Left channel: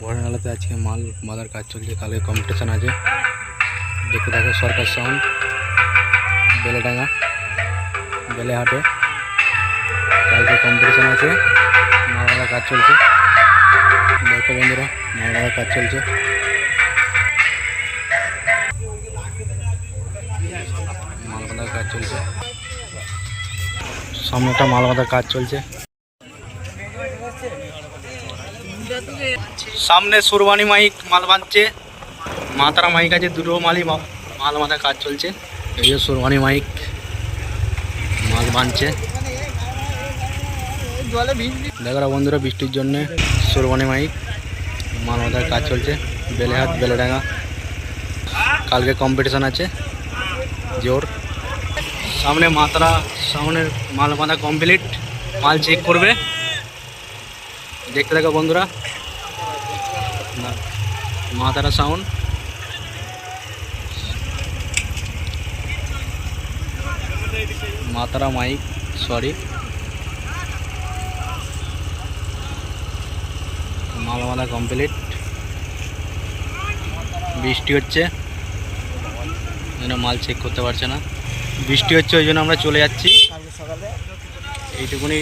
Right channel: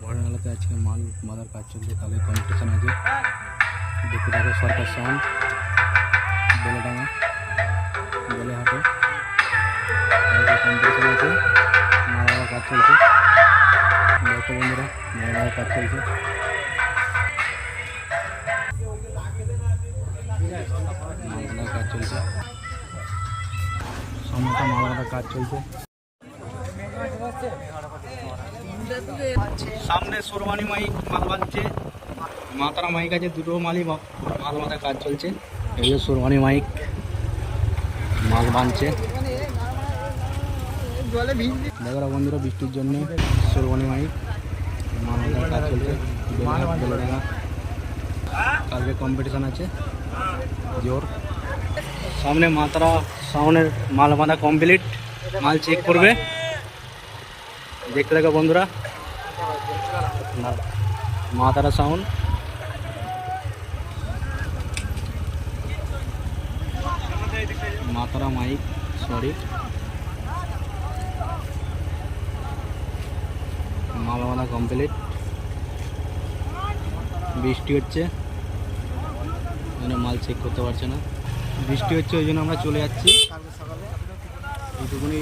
ভোরনালাতে আজকে মাল বাঁধার কাজ চলছে, কালকে কম্পিটিশান আছে। দেখতে থাকে সরকার সাউন্ড বেলেডাঙ্গা, বেলেহাটে। কালকে কম্পিটিশান আছে মাল বাঁধার কাজ চলছে। দেখো বন্ধুরা মাল বাঁধার কাজ চলছে। মাল বাঁধার কাজ চলছে। সামনেটা মাল বাঁধার কাজ চলছে। সামনে সুরবানি মাইক মাল বাঁধছে। মাতারা মাইক আছে দুটো মালই মাল মাথা কাজ চলছে। এই যে সুরবানি মাইক মাল বাঁধছে। দেখো বন্ধুরা, বৃষ্টির জন্য সুরবানি মাইক মাল মাথার কাজ চলছে। বেলেহাট বেলেডাঙ্গা কালকে কম্পিটিশান আছে। জোর। সামনে মাতারা, সামনের মাল বাঁধা কমপ্লিট মাল চেক করবে। দেখতে থাকো বন্ধুরা। না মা তারা সাউন্ড মা তারা মাইক সরি মালামালা কমপ্লিট বৃষ্টি হচ্ছে। জন্য মাল চেক করতে পারছে না। বৃষ্টি হচ্ছে, ওই জন্য আমরা চলে যাচ্ছি। এইটুকুনি